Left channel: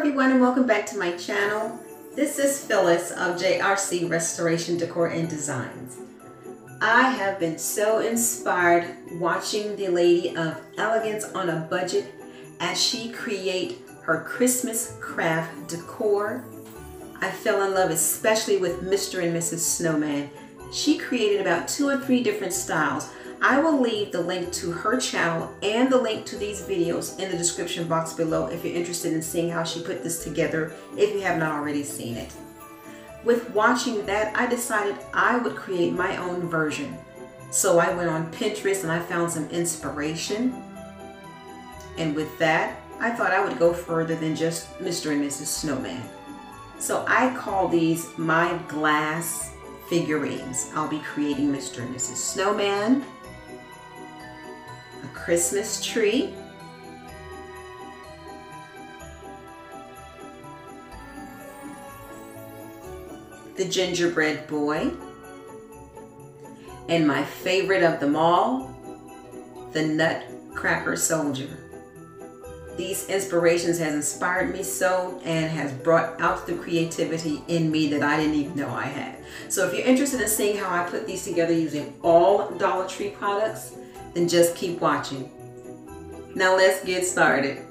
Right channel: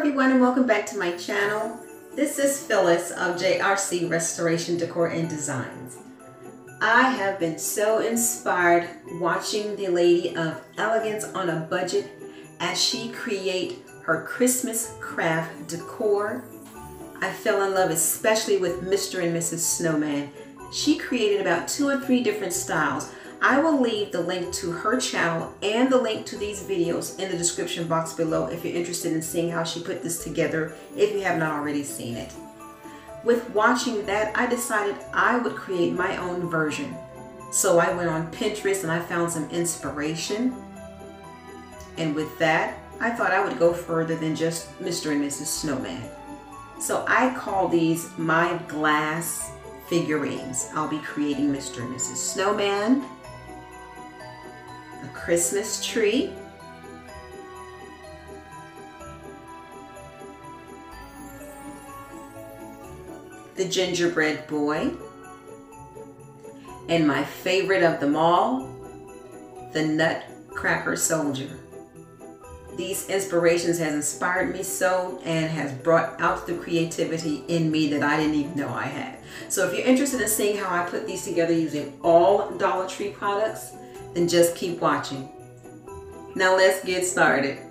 everyone, and welcome back to my channel. This is Phyllis of JRC Restoration Decor and Designs. I have been so inspired watching the lady of Elegance on a budget as she create her Christmas craft decor. I fell in love especially with Mr. and Mrs. Snowman. She created about 2 or 3 different styles. I will leave the link to her channel and the link to these videos in the description box below if you're interested in seeing how she put this together, if you have not already seen it. With watching that, I decided I would create my own version. So I went on Pinterest and I found some inspiration. And with that, I thought I would go further than just Mr. and Mrs. Snowman. So I call these my glass figurines. I'll be creating Mr. and Mrs. Snowman, a Christmas tree, the gingerbread boy, and my favorite of them all, the nutcracker soldier. These inspirations has inspired me so and has brought out the creativity in me that I didn't even know I had. So if you're interested in seeing how I put these together using all Dollar Tree products, then just keep watching. Now let's get started.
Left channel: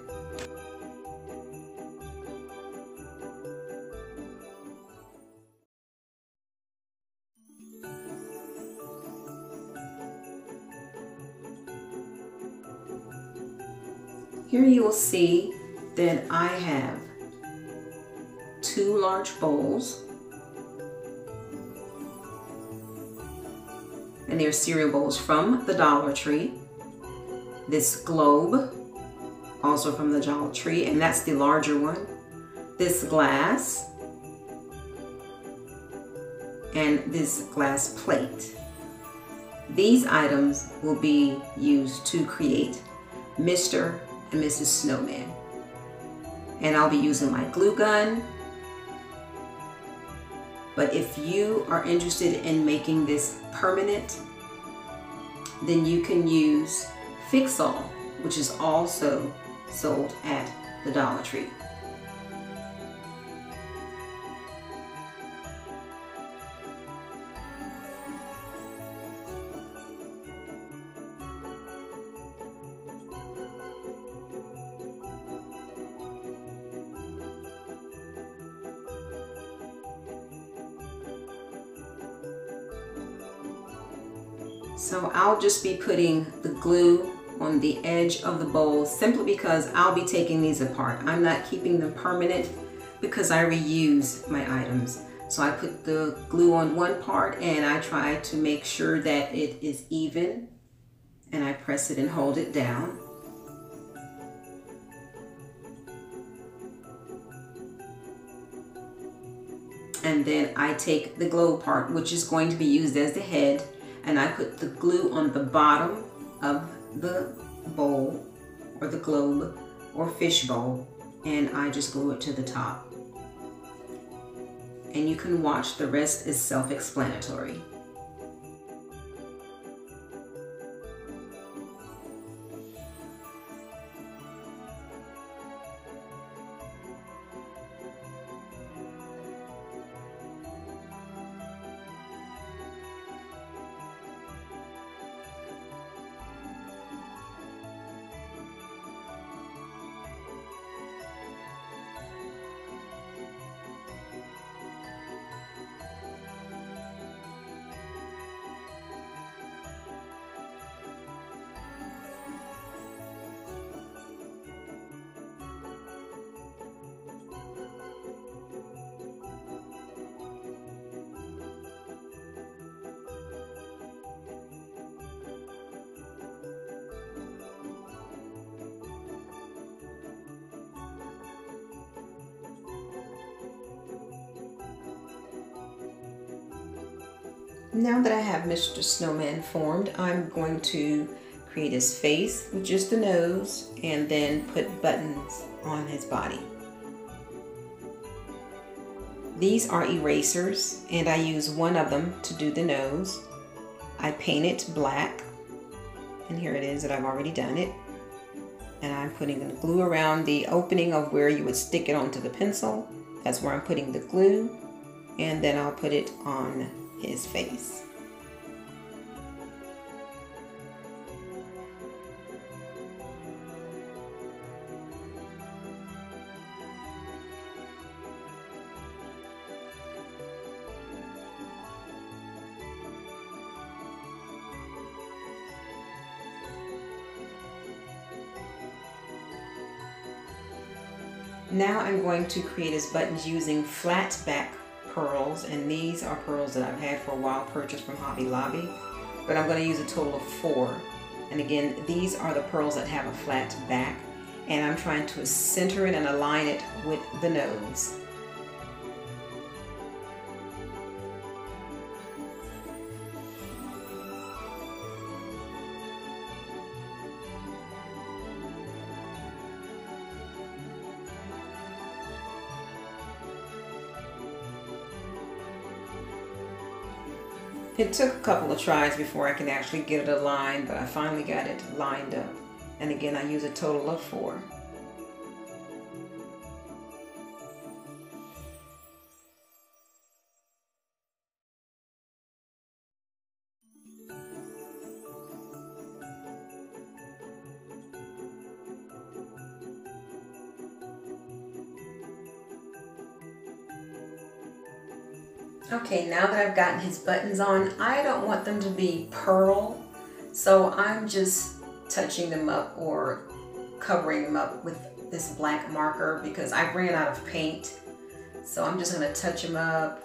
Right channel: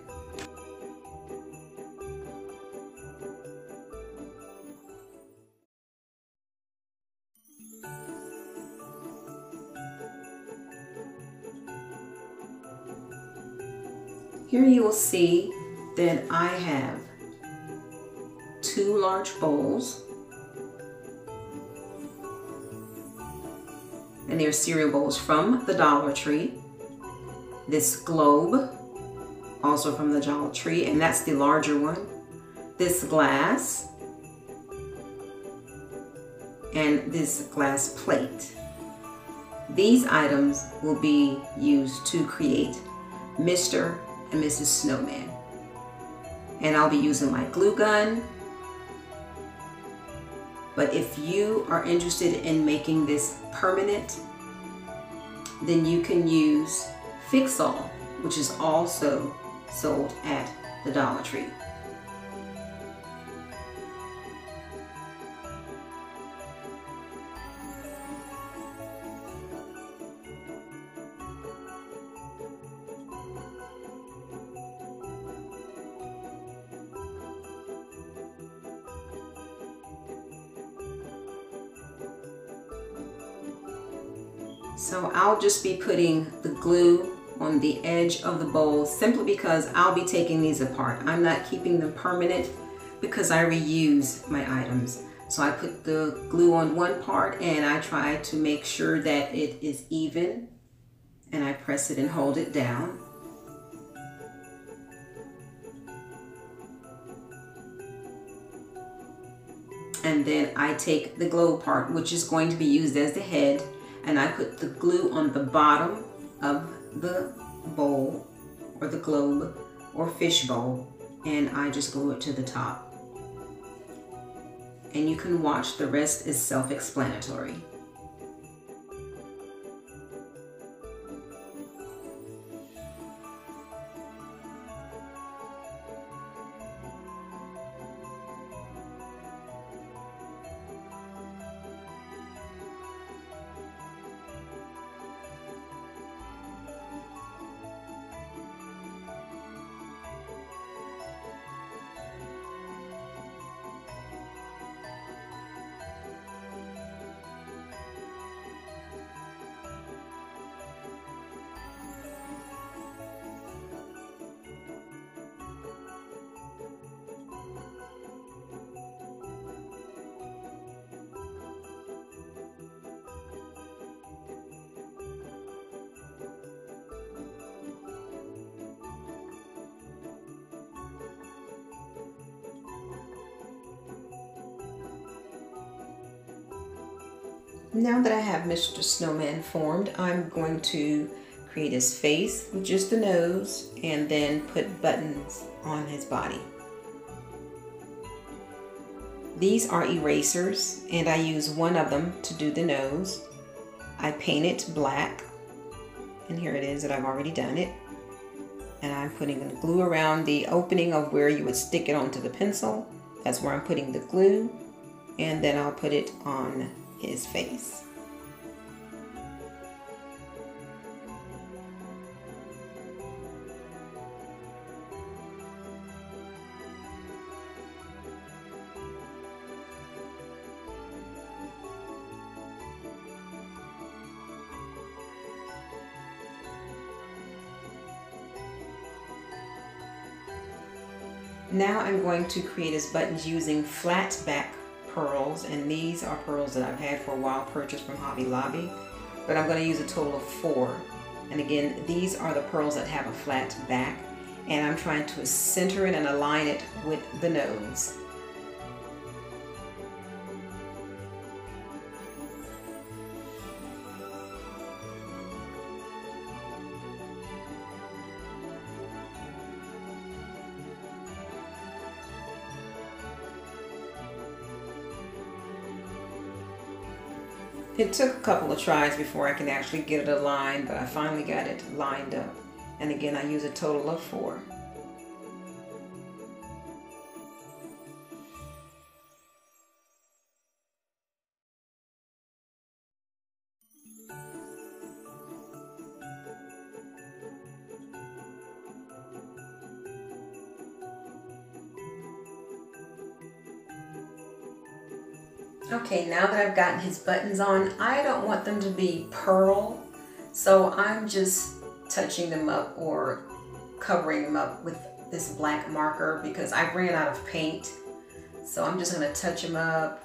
Here you will see that I have 2 large bowls, and they're cereal bowls from the Dollar Tree. This globe, also from the Dollar Tree, and that's the larger one. This glass, and this glass plate. These items will be used to create Mr. and Mrs. Snowman. And I'll be using my glue gun. But if you are interested in making this permanent, then you can use Fix-All, which is also sold at the Dollar Tree. So I'll just be putting the glue on the edge of the bowl simply because I'll be taking these apart. I'm not keeping them permanent because I reuse my items. So I put the glue on one part and I try to make sure that it is even, and I press it and hold it down. And then I take the globe part, which is going to be used as the head, and I put the glue on the bottom of the bowl or the globe or fish bowl, and I just glue it to the top. And you can watch, the rest is self-explanatory. Now that I have Mr. Snowman formed, I'm going to create his face with just the nose and then put buttons on his body. These are erasers and I use one of them to do the nose. I paint it black, and here it is that I've already done it. And I'm putting the glue around the opening of where you would stick it onto the pencil. That's where I'm putting the glue. And then I'll put it on his face. Now I'm going to create his buttons using flat back pearls, and these are pearls that I've had for a while, purchased from Hobby Lobby, but I'm going to use a total of 4. And again, these are the pearls that have a flat back, and I'm trying to center it and align it with the nose. It took a couple of tries before I can actually get it aligned, but I finally got it lined up. And again, I use a total of 4. Okay, now that I've gotten his buttons on, I don't want them to be pearl, so I'm just touching them up or covering them up with this black marker because I ran out of paint. So I'm just going to touch them up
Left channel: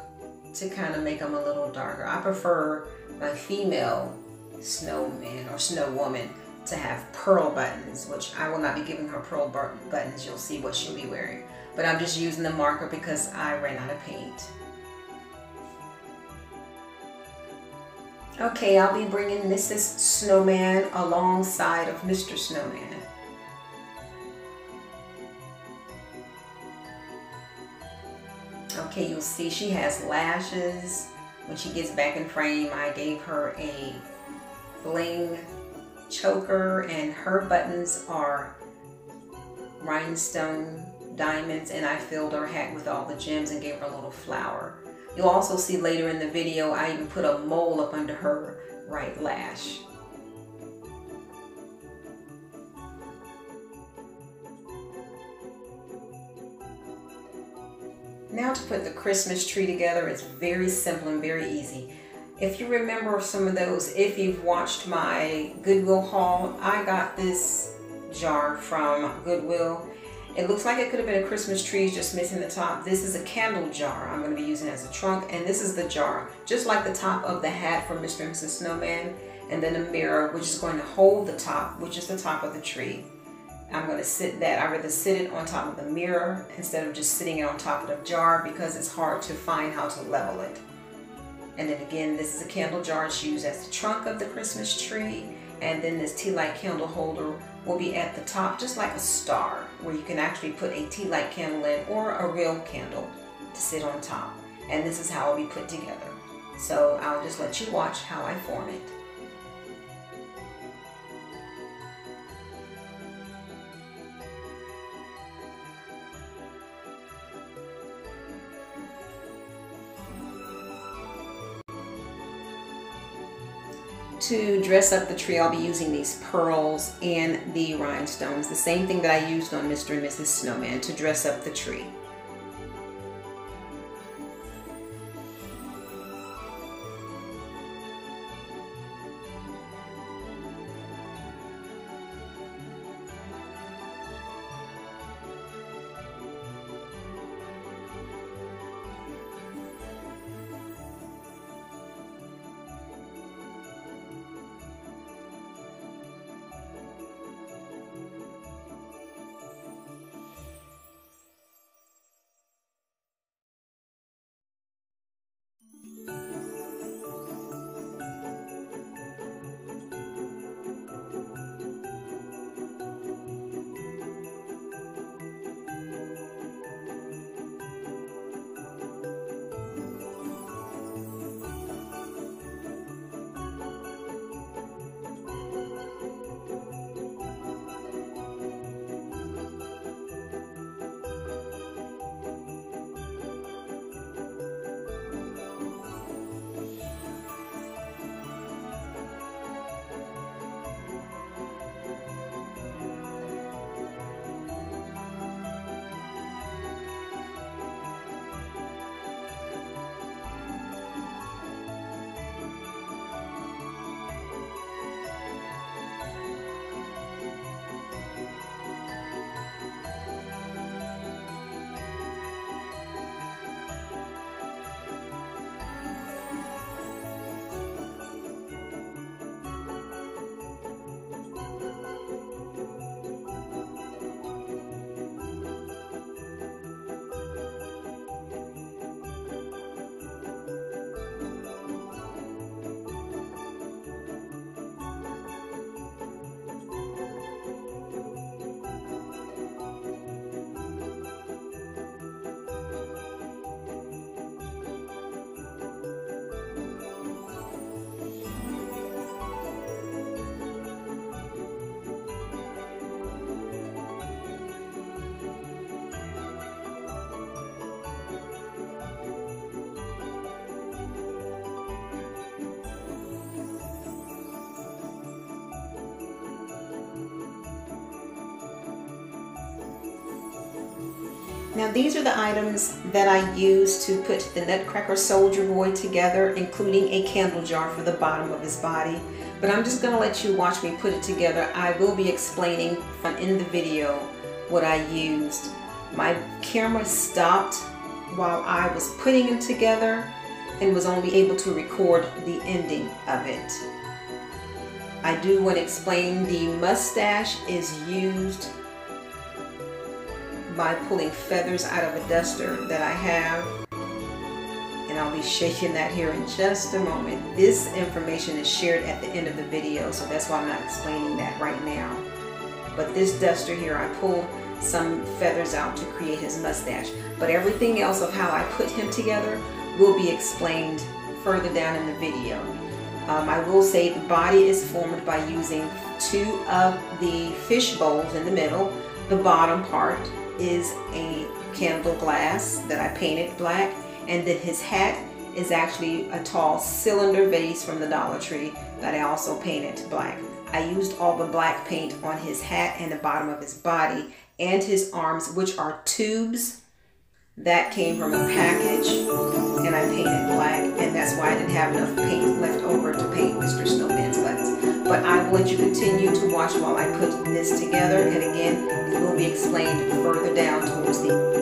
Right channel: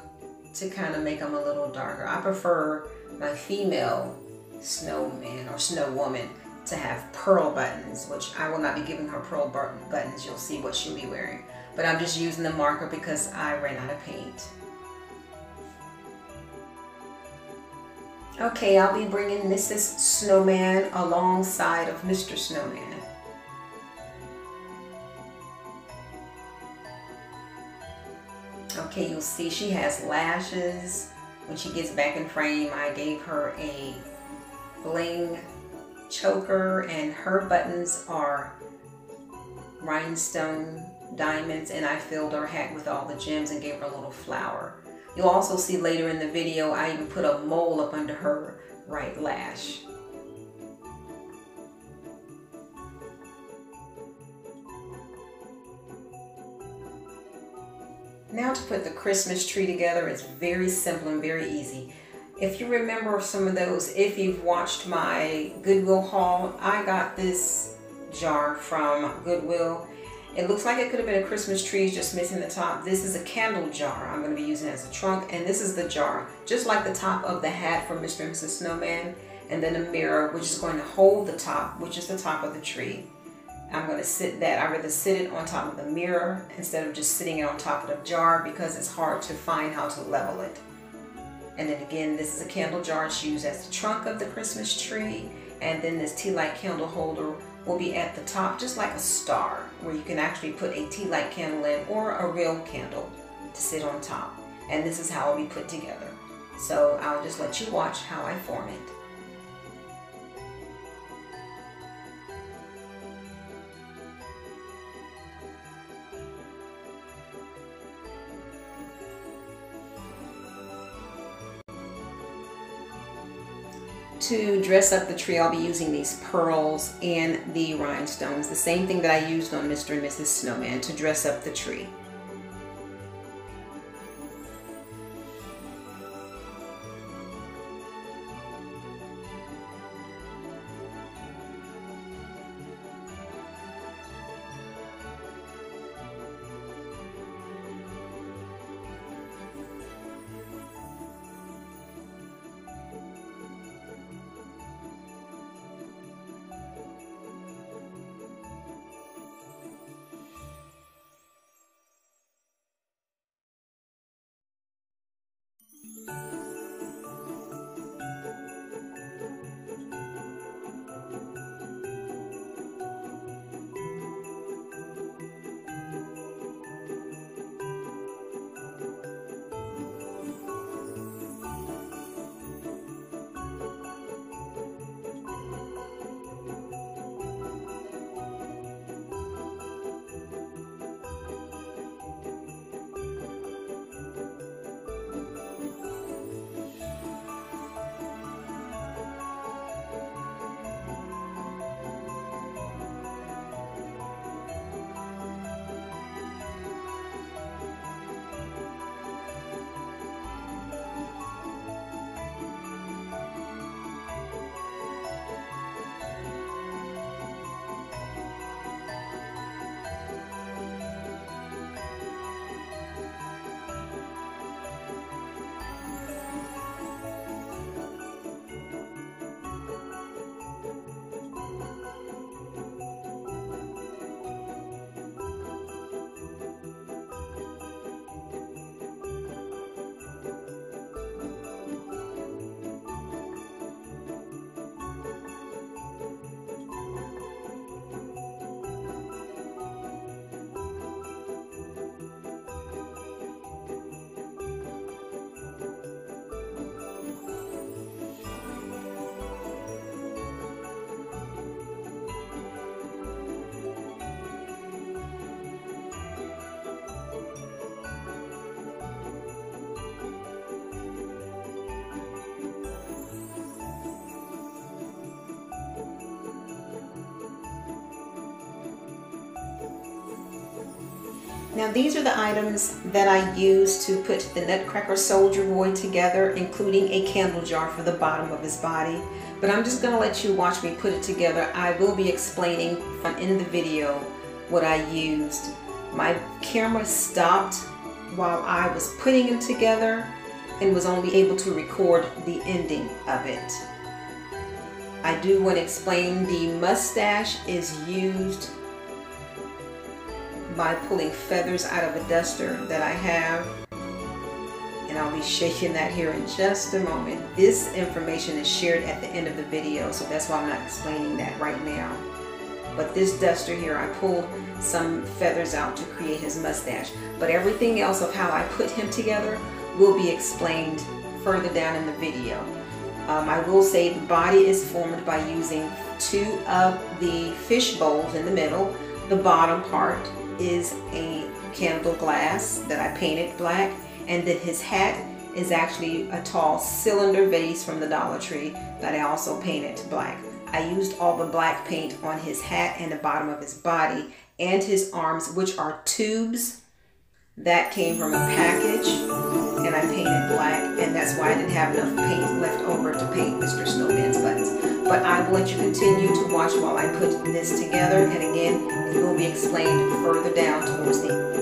to kind of make them a little darker. I prefer my female snowman or snow woman to have pearl buttons, which I will not be giving her pearl buttons. You'll see what she'll be wearing. But I'm just using the marker because I ran out of paint. Okay, I'll be bringing Mrs. Snowman alongside of Mr. Snowman. Okay, you'll see she has lashes. When she gets back in frame, I gave her a bling choker, and her buttons are rhinestone diamonds, and I filled her hat with all the gems and gave her a little flower. You'll also see later in the video, I even put a mole up under her right lash. Now to put the Christmas tree together, it's very simple and very easy. If you remember some of those, if you've watched my Goodwill haul, I got this jar from Goodwill. It looks like it could have been a Christmas tree, just missing the top. This is a candle jar I'm going to be using as a trunk, and this is the jar, just like the top of the hat for Mr. and Mrs. Snowman, and then a mirror, which is going to hold the top, which is the top of the tree. I'm going to sit that, I'd rather sit it on top of the mirror instead of just sitting it on top of the jar because it's hard to find how to level it. And then again, this is a candle jar. It's used as the trunk of the Christmas tree, and then this Tealight candle holder will be at the top, just like a star, where you can actually put a Tealight candle in or a real candle to sit on top. And this is how it'll be put together. So I'll just let you watch how I form it. To dress up the tree, I'll be using these pearls and the rhinestones, the same thing that I used on Mr. and Mrs. Snowman to dress up the tree. Now these are the items that I used to put the Nutcracker Soldier Boy together, including a candle jar for the bottom of his body. But I'm just going to let you watch me put it together. I will be explaining in the video what I used. My camera stopped while I was putting them together and was only able to record the ending of it. I do want to explain the mustache is used by pulling feathers out of a duster that I have, and I'll be shaking that here in just a moment. This information is shared at the end of the video, so that's why I'm not explaining that right now. But this duster here, I pulled some feathers out to create his mustache, but everything else of how I put him together will be explained further down in the video. I will say the body is formed by using 2 of the fish bowls in the middle. The bottom part is a candle glass that I painted black, and then his hat is actually a tall cylinder vase from the Dollar Tree that I also painted black. I used all the black paint on his hat and the bottom of his body and his arms, which are tubes that came from a package, and I painted black, and that's why I didn't have enough paint left over to paint Mr. Snowman's buttons. But I will let you continue to watch while I put this together, and again, it will be explained further down towards the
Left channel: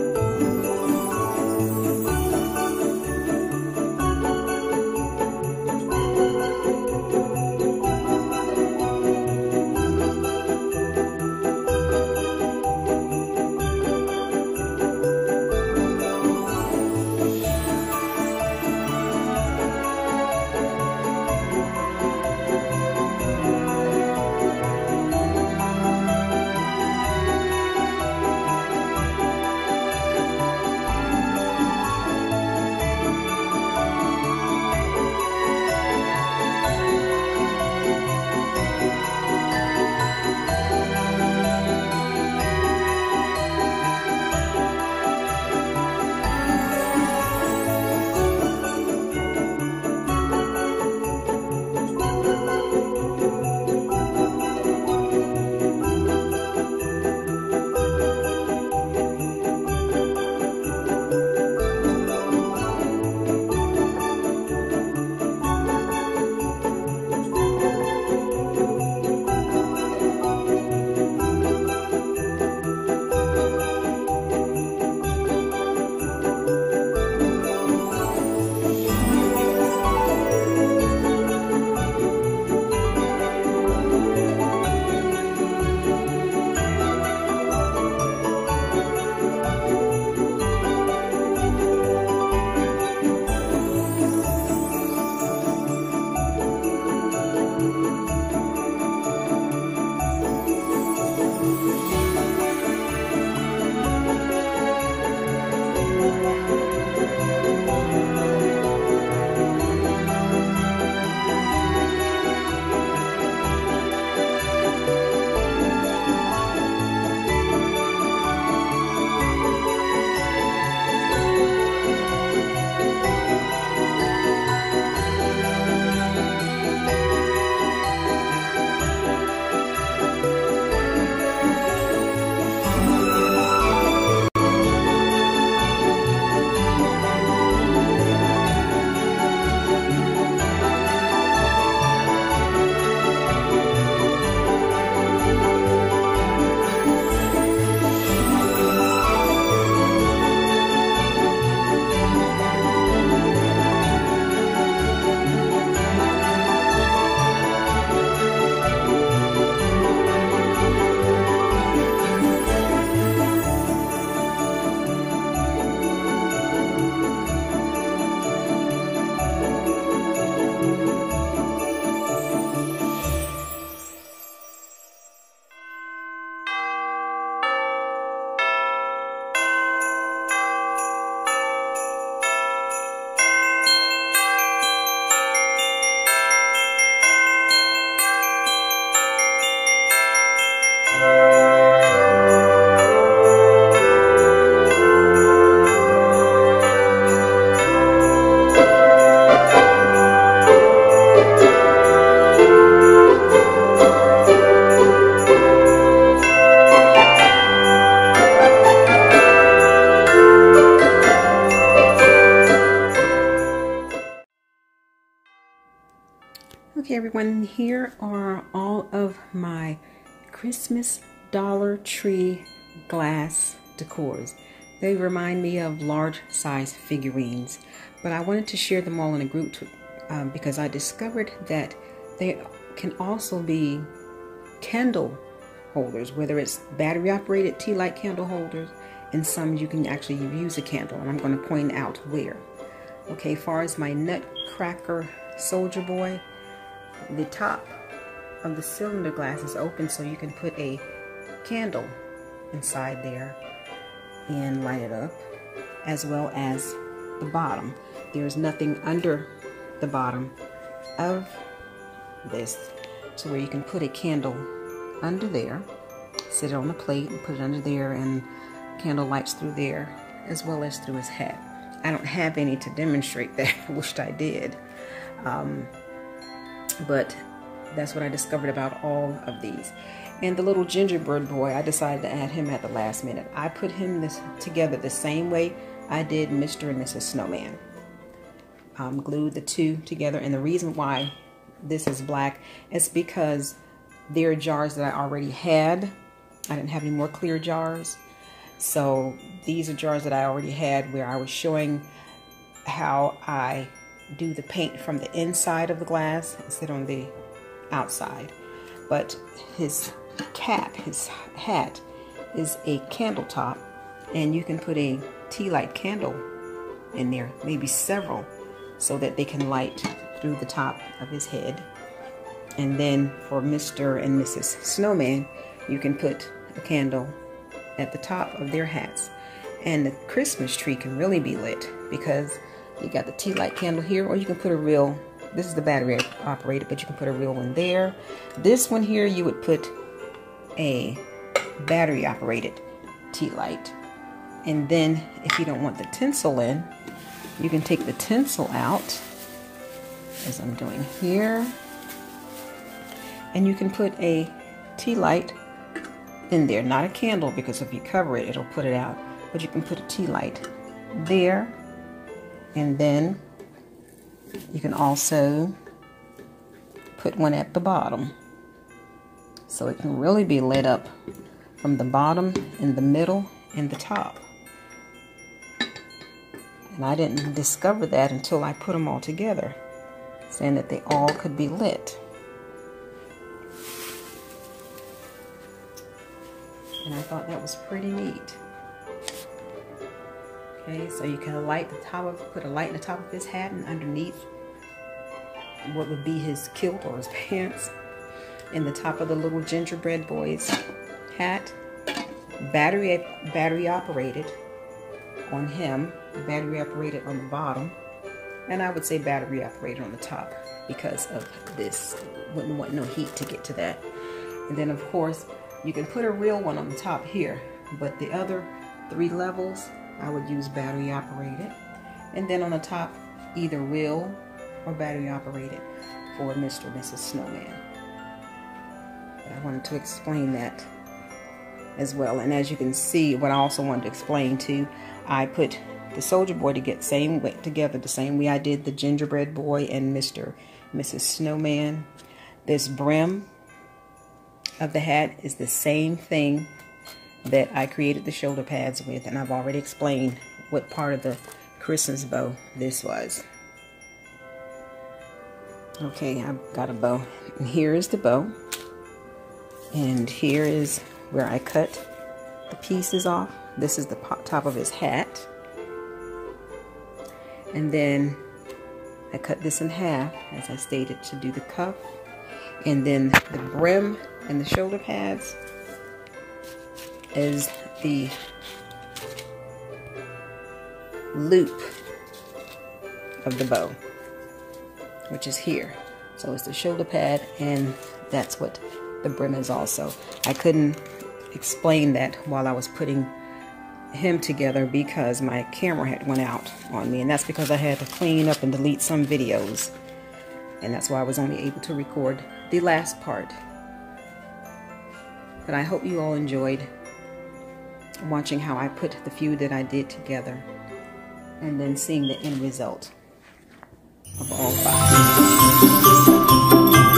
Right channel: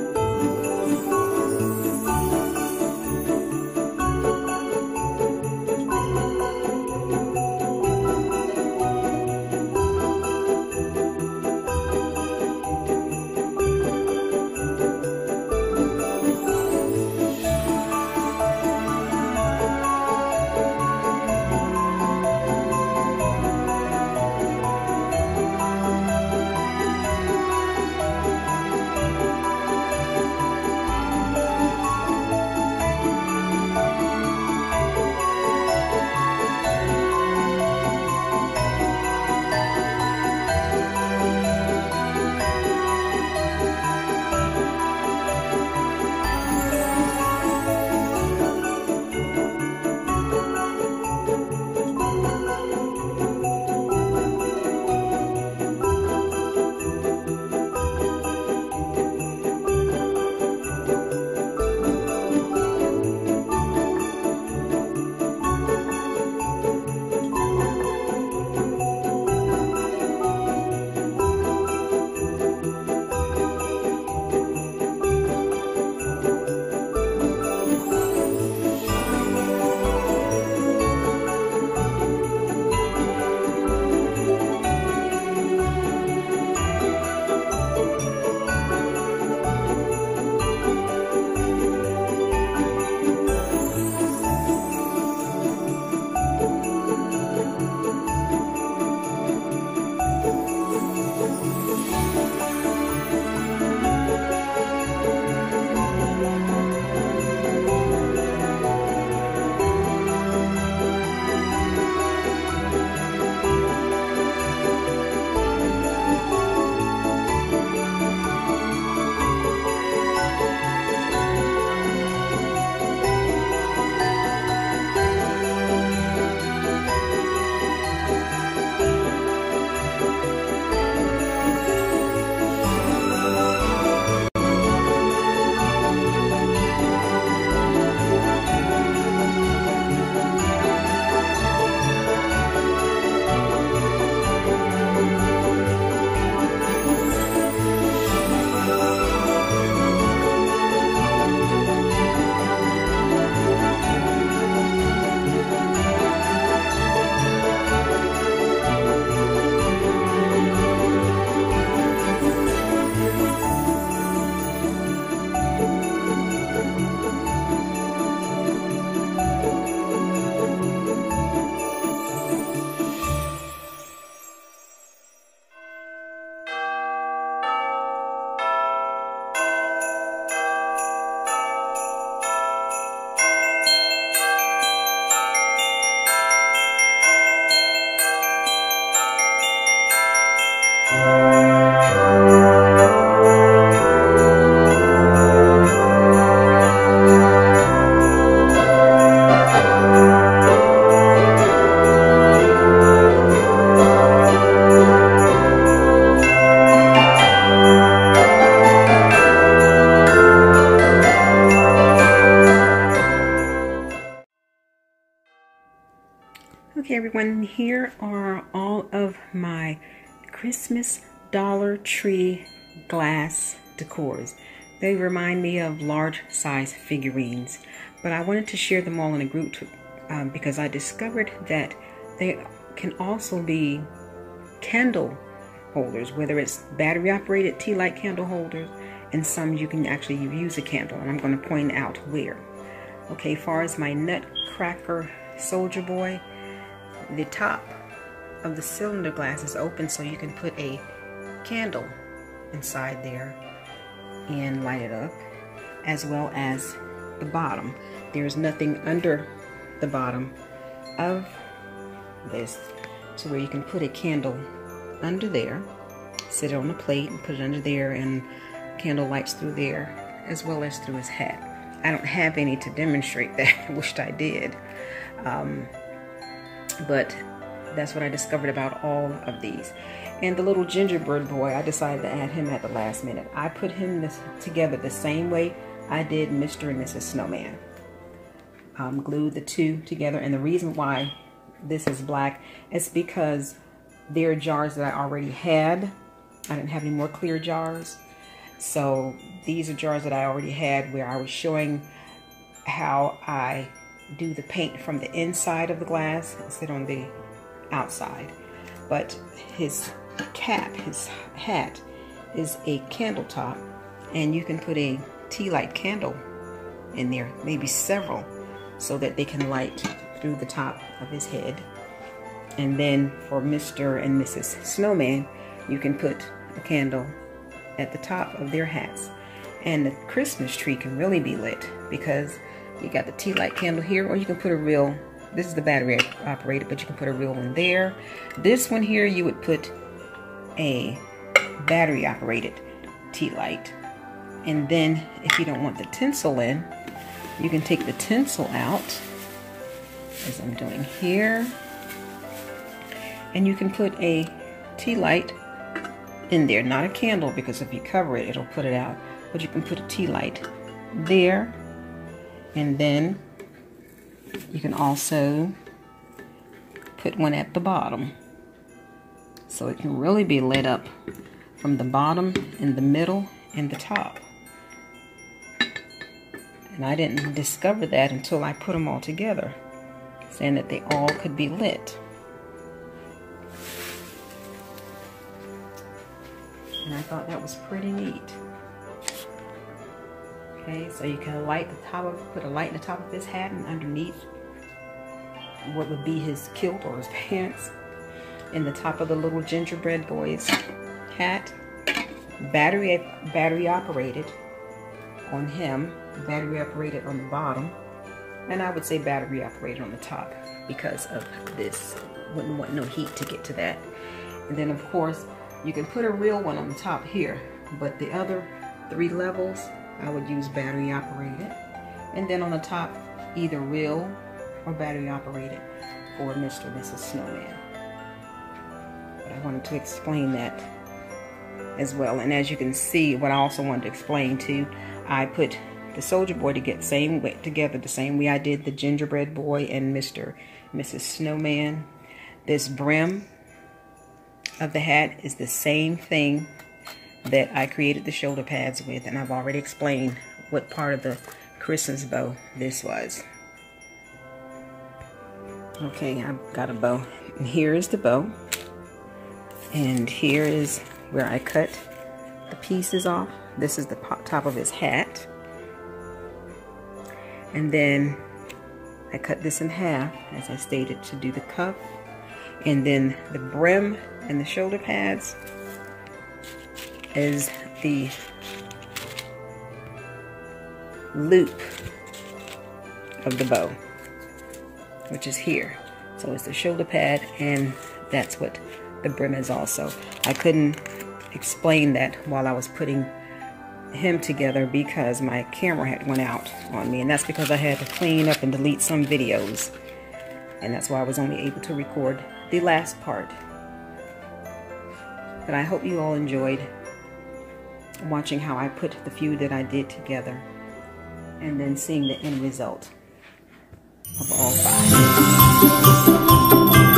Hey everyone, here are all of my Christmas Dollar Tree glass decors. They remind me of large size figurines, but I wanted to share them all in a group because I discovered that they can also be candle holders, whether it's battery operated Tealight candle holders, and some you can actually use a candle, and I'm going to point out where. Okay, as far as my Nutcracker Soldier Boy, the top of the cylinder glass is open, so you can put a candle inside there and light it up, as well as the bottom. There's nothing under the bottom of this to where you can put a candle under there, sit it on a plate and put it under there, and candle lights through there as well as through his hat. I don't have any to demonstrate that. I wished I did. But that's what I discovered about all of these. And the little gingerbread boy, I decided to add him at the last minute. I put him together the same way I did Mr. and Mrs. Snowman. Glued the two together, and the reason why this is black is because they're jars that I already had. I didn't have any more clear jars. So these are jars that I already had, where I was showing how I do the paint from the inside of the glass instead on the outside. But his cap, his hat, is a candle top, and you can put a Tealight candle in there, maybe several, so that they can light through the top of his head. And then for Mr. and Mrs. Snowman, you can put a candle at the top of their hats. And the Christmas tree can really be lit because you got the Tealight candle here, or you can put a real, this is the battery operated, but you can put a real one there. This one here, you would put a battery operated Tealight. And then if you don't want the tinsel in, you can take the tinsel out, as I'm doing here, and you can put a Tealight in there. Not a candle, because if you cover it, it'll put it out. But you can put a Tealight there. And then you can also put one at the bottom. So it can really be lit up from the bottom, in the middle, and the top. And I didn't discover that until I put them all together, saying that they all could be lit. And I thought that was pretty neat. Okay, so you can light the top of, put a light in the top of his hat, and underneath what would be his kilt or his pants, in the top of the little gingerbread boy's hat, battery operated on him, battery operated on the bottom, and I would say battery operated on the top because of this. Wouldn't want no heat to get to that. And then of course you can put a real one on the top here, but the other 3 levels I would use battery operated, and then on the top either real or battery operated for Mr. and Mrs. Snowman. But I wanted to explain that as well. And as you can see, what I also wanted to explain too, I put the Soldier Boy together the same way I did the Gingerbread Boy and Mr. and Mrs. Snowman. This brim of the hat is the same thing that I created the shoulder pads with, and I've already explained what part of the Christmas bow this was. Okay, I've got a bow, and here is the bow, and here is where I cut the pieces off. This is the top of his hat, and then I cut this in half, as I stated, to do the cuff, and then the brim and the shoulder pads is the loop of the bow, which is here. So it's the shoulder pad, and that's what the brim is also. I couldn't explain that while I was putting him together because my camera had went out on me, and that's because I had to clean up and delete some videos, and that's why I was only able to record the last part. But I hope you all enjoyed watching how I put the few that I did together, and then seeing the end result of all 5.